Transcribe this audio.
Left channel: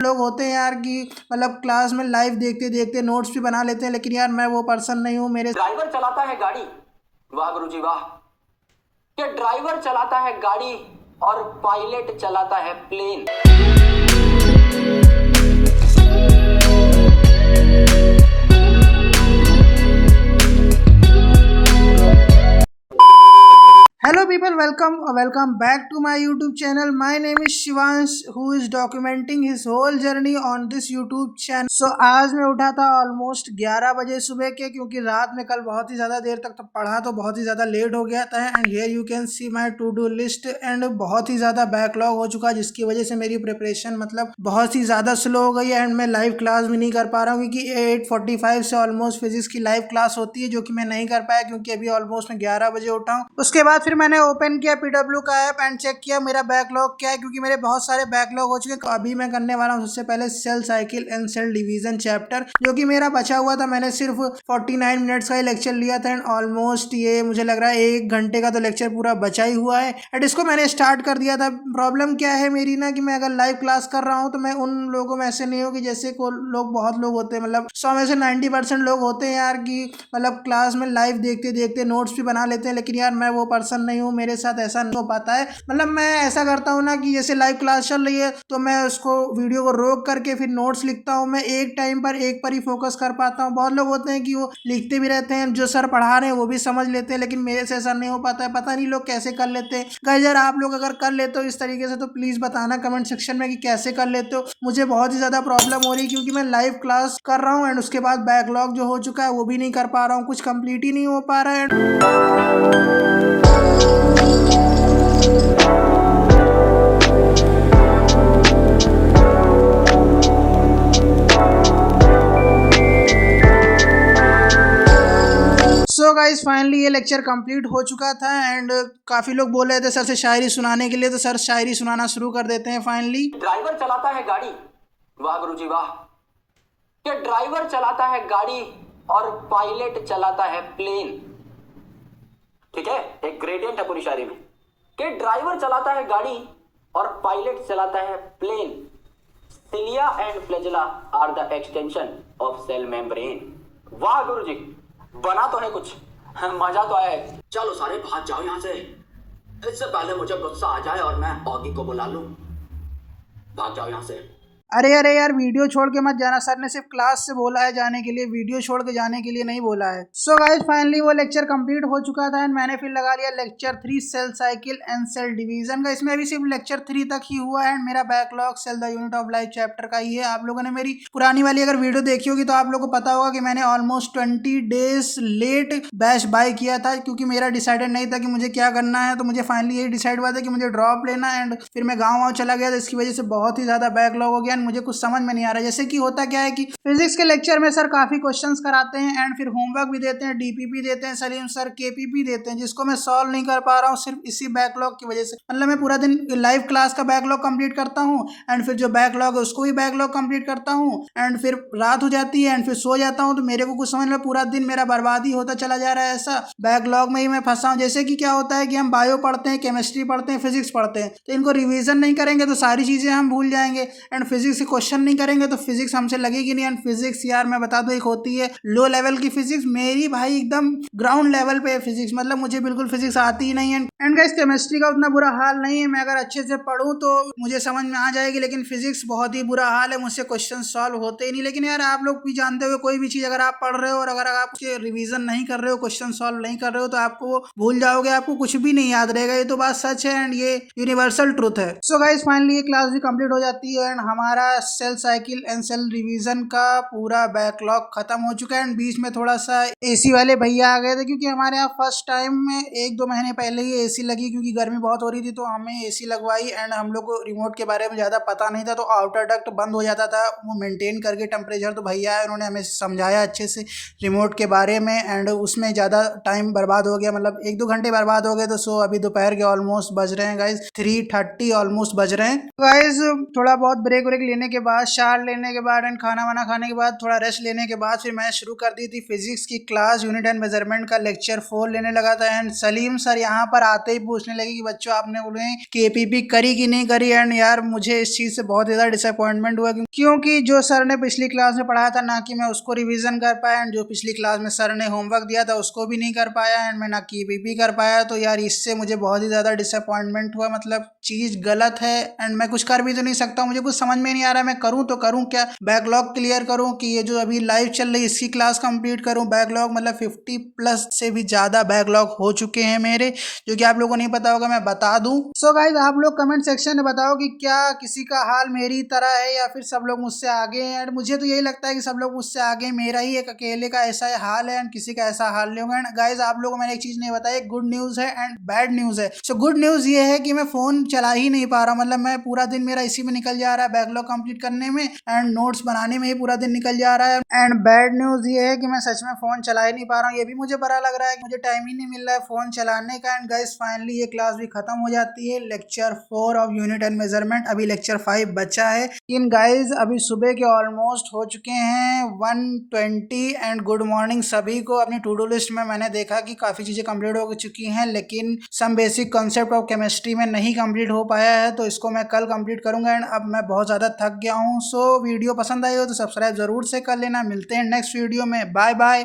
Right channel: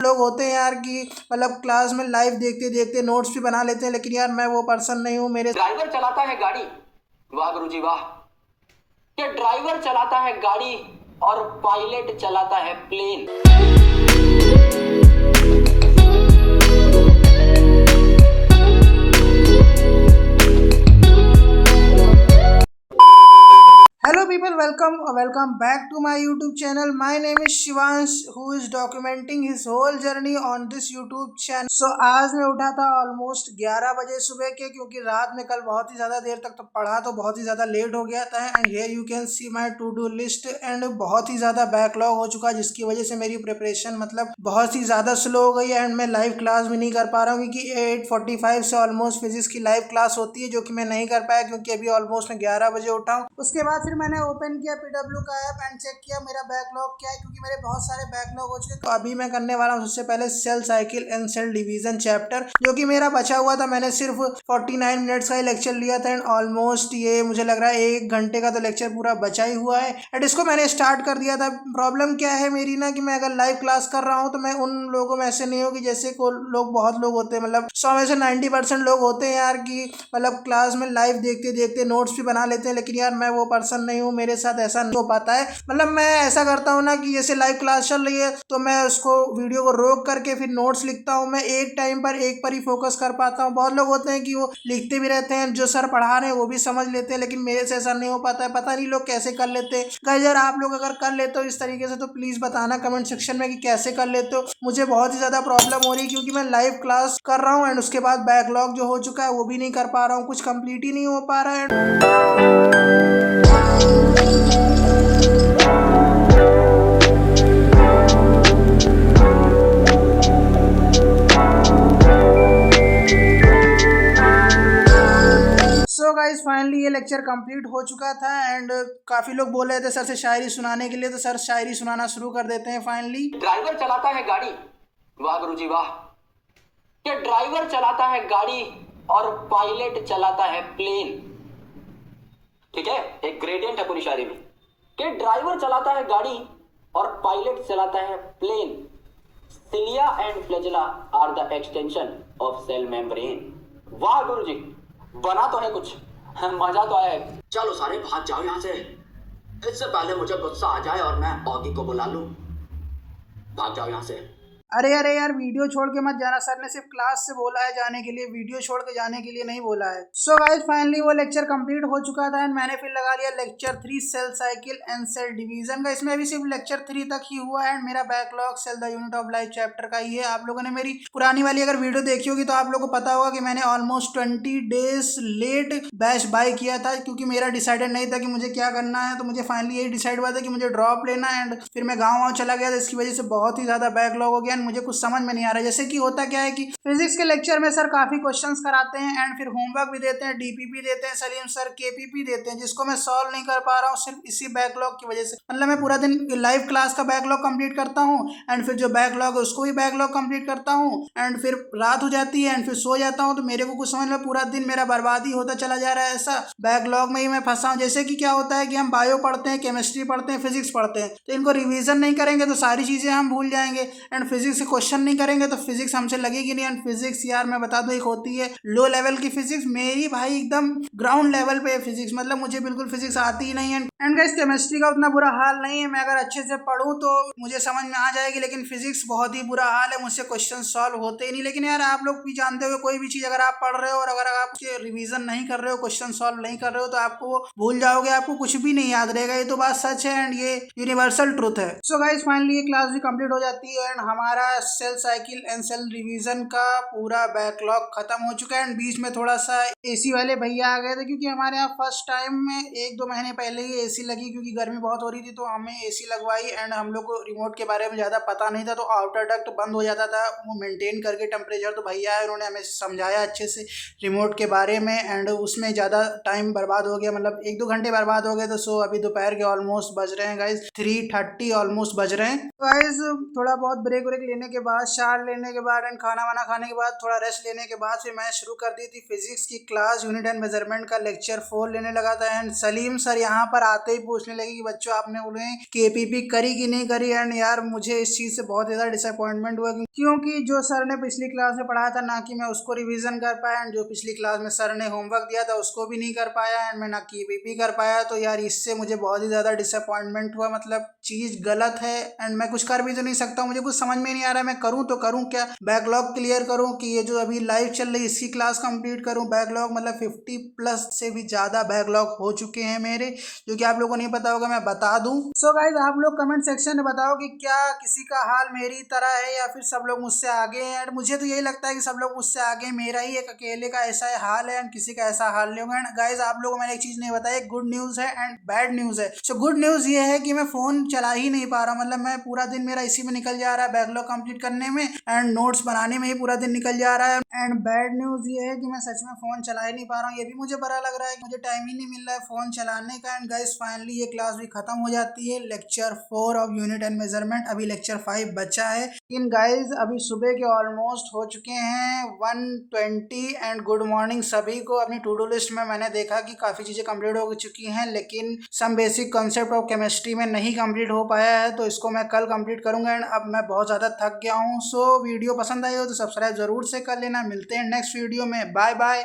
लोग होते हैं यार कि मतलब क्लास में लाइव देखते देखते नोट्स भी बना लेते हैं, लेकिन यार मैं वो पर्सन नहीं हूँ। मेरे ड्राइवर चलाता है गाड़ी, वाह गुरुजी वाह। ये ड्राइवर चलाता है गाड़ी और पायलट चलाता है plane. Hello people, welcome back to my YouTube channel. My name is Shivansh who is documenting his whole journey on this YouTube channel. So आज मैं उठा था ऑलमोस्ट 11 बजे सुबह के, क्योंकि रात में कल बहुत ही ज़्यादा देर तक तो पढ़ा, तो बहुत ही ज़्यादा लेट हो गया था। And here you can see my to do list, and बहुत ही ज़्यादा बैकलॉग हो चुका, जिसकी वजह से मेरी प्रिपरेशन मतलब बहुत ही ज़्यादा स्लो हो गई है। एंड मैं लाइव क्लास भी नहीं कर पा रहा हूँ, क्योंकि 8:45 से ऑलमोस्ट फिजिक्स की लाइव क्लास होती है, जो कि मैं नहीं कर पाया क्योंकि अभी ऑलमोस्ट मैं 11 बजे उठा हूँ। उसके बाद फिर मैंने ओपन किया पीडब्ल्यू का ऐप एंड चेक किया मेरा बैकलॉग क्या है, क्योंकि मेरे बहुत सारे बैकलॉग हो चुके हैं। तो अभी मैं करने वाला हूँ सबसे पहले cell cycle and cell division chapter, जो कि मेरा बचा हुआ था। मैंने सिर्फ 49 मिनट्स का लेक्चर लिया था एंड ऑलमोस्ट ये मुझे लग रहा है 1 घंटे का तो लेक्चर पूरा बचा ही हुआ है। एंड इसको मैंने स्टार्ट कर दिया था। प्रॉब्लम क्या है मेरी ना, कि मैं अगर लाइव क्लास कर रहा हूँ तो मैं उन लोगों में ऐसे नहीं हूँ कि जैसे को लोग, बहुत लोग होते हैं, मतलब 100 में से 90% लोग होते हैं यार कि मतलब क्लास में लाइव देखते देखते नोट्स भी बना लेते हैं, लेकिन यार मैं वो पर्सन नहीं हूँ। मेरे साथ ऐसा नहीं हो पाता है। मतलब मैं ऐसा करता हूँ ना कि जैसे लाइव क्लास चल रही है तो मैं उसको वीडियो को रोक करके फिर नोट्स लिखता हूँ। मैं एक टाइम पर एक पर ही फोकस कर पाता हूँ। बहुत लोग होते हैं कि वो लिखते भी रहते हैं, जो सर पढ़ा रहे हैं वो भी समझ लेते हैं, लेकिन मेरे से ऐसा नहीं हो पाता है। पता नहीं लोग कैसे कर लेते हैं। गाइस यार, आप लोग अगर कर लेते हो इस तरीके से तो प्लीज बताना कमेंट सेक्शन में कि कैसे कर लेते हो। मुझे बहुत ही ज्यादा प्रॉब्लम हो रही है, क्योंकि मैं लाइव क्लास कर रहा हूँ एंड उसके बाद बैकलॉग जो हो चुका है वो भी नहीं कर पा रहा हूँ, कुछ कंप्लीट ही नहीं हो पा रहा है। सो गाइज फाइनली ये लेक्चर कंप्लीट हो चुका था एंड काफ़ी लोग बोल रहे थे सर से शायरी सुनाने के लिए, तो सर शायरी सुनाना शुरू कर देते हैं फाइनली। ड्राइवर चलाता है गाड़ी, वाह गुरुजी वाह। ये ड्राइवर चलाता है गाड़ी और पायलट चलाता है प्लेन। ठीक है, एक ग्रेडियंट है पूरी शायरी में कि ड्राइवर चलाता है गाड़ी और पायलट चलाता है plane. Cilia and flagella are the extension of cell membrane. वाह गुरुजी, बना तो है कुछ, मजा तो आया है। चलो सारे भाग जाओ यहां से, इससे पहले मुझे गुस्सा आ जाए और मैं ऑगी को बुला लूं। भाग जाओ यहां से। अरे अरे यार, वीडियो छोड़ के मत जाना। सर ने सिर्फ क्लास से बोला है जाने के लिए, वीडियो छोड़ के जाने के लिए नहीं बोला है। सो गाइस फाइनली वो लेक्चर कंप्लीट हो चुका था एंड मैंने फिर लगा लिया lecture 3 cell cycle and cell division का। इसमें अभी सिर्फ लेक्चर 3 तक ही हुआ है एंड मेरा backlog cell the unit of life chapter का ही है। आप लोगों ने मेरी पुरानी वाली अगर वीडियो देखी होगी तो आप लोगों को पता होगा कि मैंने almost 20 days late batch buy किया था, क्योंकि मेरा डिसाइडेड नहीं था कि मुझे क्या करना है। तो मुझे फाइनली यही डिसाइड हुआ था कि मुझे ड्रॉप लेना एंड फिर मैं गाँव चला गया, जिसकी वजह से बहुत ही ज़्यादा बैकलॉग हो गया एंड मुझे कुछ समझ में नहीं आ रहा। जैसे कि होता क्या है कि फिजिक्स के लेक्चर में सर काफी क्वेश्चंस कराते हैं एंड फिर होमवर्क भी देते हैं, डीपीपी देते हैं, सलीम सर केपीपी देते हैं, जिसको मैं सॉल्व नहीं कर पा रहा हूँ सिर्फ इसी बैकलॉग की वजह से। मतलब मैं पूरा दिन लाइव क्लास का बैकलॉग कंप्लीट करता हूँ एंड फिर जो बैकलॉग है उसको भी बैकलॉग कंप्लीट करता हूँ एंड फिर रात हो जाती है एंड फिर सो जाता हूँ। तो मेरे को कुछ समझ में, पूरा दिन मेरा बर्बादी होता चला जा रहा है। ऐसा बैकलॉग में ही मैं फंसा हूँ। जैसे कि क्या होता है कि हम बायो पढ़ते हैं, केमिस्ट्री पढ़ते हैं, फिजिक्स पढ़ते हैं, तो इनको रिवीजन नहीं करेंगे तो सारी चीजें हम भूल जाएंगे एंड फिजिक्स के क्वेश्चन नहीं करेंगे तो फिजिक्स हमसे लगेगी नहीं। एंड फिजिक्स यार मैं बता दूं, एक होती है लो लेवल की फिजिक्स, मेरी भाई एकदम ग्राउंड लेवल पे है फिजिक्स। मतलब मुझे बिल्कुल फिजिक्स आती ही नहीं है। एंड गाइस केमिस्ट्री का उतना बुरा हाल नहीं है, मैं अगर अच्छे से पढूं तो मुझे समझ में आ जाएगी, लेकिन फिजिक्स बहुत ही बुरा हाल है, मुझसे क्वेश्चन सॉल्व होते ही नहीं। लेकिन यार आप लोग भी जानते हो कोई भी चीज अगर आप पढ़ रहे हो और अगर आप रिवीजन नहीं कर रहे हो, क्वेश्चन सॉल्व नहीं कर रहे हो, तो आपको वो भूल जाओगे, आपको कुछ भी नहीं याद रहेगा। ये तो बात सच है एंड ये यूनिवर्सल ट्रुथ है। सो गाइस फाइनली ये क्लास भी कंप्लीट हो जाती है एंड हमारा cell cycle and cell revision का पूरा बैकलॉग खत्म हो चुका है। एंड बीच में थोड़ा सा एसी वाले भैया आ गए थे, क्योंकि हमारे यहाँ फर्स्ट टाइम में 1-2 महीने पहले ही एसी लगी, क्योंकि गर्मी बहुत हो रही थी तो हमें एसी लगवाई। एंड हम लोग को रिमोट के बारे में ज़्यादा पता नहीं था, तो आउटर डक्ट बंद हो जाता था वो मेंटेन करके टेम्परेचर। तो भैया आए, उन्होंने हमें समझाया अच्छे से रिमोट के बारे में एंड उसमें ज़्यादा टाइम बर्बाद हो गया, मतलब 1-2 घंटे बर्बाद हो गए। तो सो अभी दोपहर के ऑलमोस्ट बज रहे हैं गाइज 3:30 ऑलमोस्ट बज रहे हैं। गाइज थोड़ा बहुत ब्रेक लेने के बाद, शावर लेने के बाद एंड खाना वाना खाने के बाद, थोड़ा रेस्ट लेने के बाद फिर मैंने शुरू कर दी थी फिजिक्स की क्लास। यूनिट एंड मेजरमेंट का लेक्चर 4 लेने लगा था एंड सलीम सर यहाँ पर आते ही पूछने लगे कि बच्चों आपने बोले कि एपीपी करी कि नहीं करी। एंड यार मुझे इस चीज़ से बहुत ज़्यादा डिसअपॉइंटमेंट हुआ क्योंकि जो सर ने पिछली क्लास में पढ़ाया था ना कि मैं उसको रिवीजन कर पाया एंड जो पिछली क्लास में सर ने होमवर्क दिया था उसको भी नहीं कर पाया एंड मैं ना की एपीपी कर पाया। तो यार इससे मुझे बहुत ही ज़्यादा डिसअपॉइंटमेंट हुआ, मतलब चीज़ गलत है एंड मैं कुछ कर भी तो नहीं सकता हूँ। मुझे कुछ समझ में नहीं आ रहा मैं करूँ तो करूँ क्या, बैकलॉग क्लियर करूँ कि ये जो अभी लाइव चल रही है इसकी क्लास कंप्लीट करूँ। बैकलॉग मतलब 50+ से भी ज़्यादा बैकलॉग हो चुके हैं मेरे, जो कि आप लोगों को नहीं पता होगा, मैं बता दूं। सो गाइज आप लोग कमेंट सेक्शन में बताओ कि क्या किसी का हाल मेरी तरह है या फिर सब लोग मुझसे आगे हैं। एंड मुझे तो यही लगता है कि सब लोग मुझसे आगे हैं, मेरा ही एक अकेले का ऐसा हाल है एंड किसी का ऐसा हाल नहीं होगा। एंड गाइज आप लोगों को मैंने एक चीज़ नहीं बताई, गुड न्यूज़ है एंड बैड न्यूज़ है। सो गुड न्यूज़ ये है कि मैं फ़ोन चला ही नहीं पा रहा, मतलब मैं पूरा दिन मेरा इसी में निकल जा रहा है, बैकलॉग कंप्लीट करने में एंड नोट्स बनाने में ही पूरा दिन निकल जा रहा है। एंड बैड न्यूज़ ये है कि मैं सच में फ़ोन चला ही नहीं पा रहा हूँ, ये भी मुझे बुरा लग रहा है कि मुझे टाइम ही नहीं मिल रहा है फ़ोन चलाने का। एंड गाइस फाइनली ये क्लास भी खत्म हो जाती है, lecture 4 of unit and measurement, अभी लेक्चर 5 बचा है। इन गाइस अभी सुबह के ऑलमोस्ट हो चुके हैं 1:20 एंड गुड मॉर्निंग सभी को। अपनी टू डू लिस्ट में मैंने देखा कि काफ़ी चीज़ें कंप्लीट हो चुकी हैं लेकिन some basic concept of chemistry में नहीं कंप्लीट हो पाया है, तो इसको मैं कल कंप्लीट करूंगा। एंड अब मैं बहुत ज़्यादा थक गया हूँ। सो वीडियो पसंद आई हो तो सब्सक्राइब ज़रूर से कर लेना। मिलते हैं नेक्स्ट वीडियो में, बाय बाय।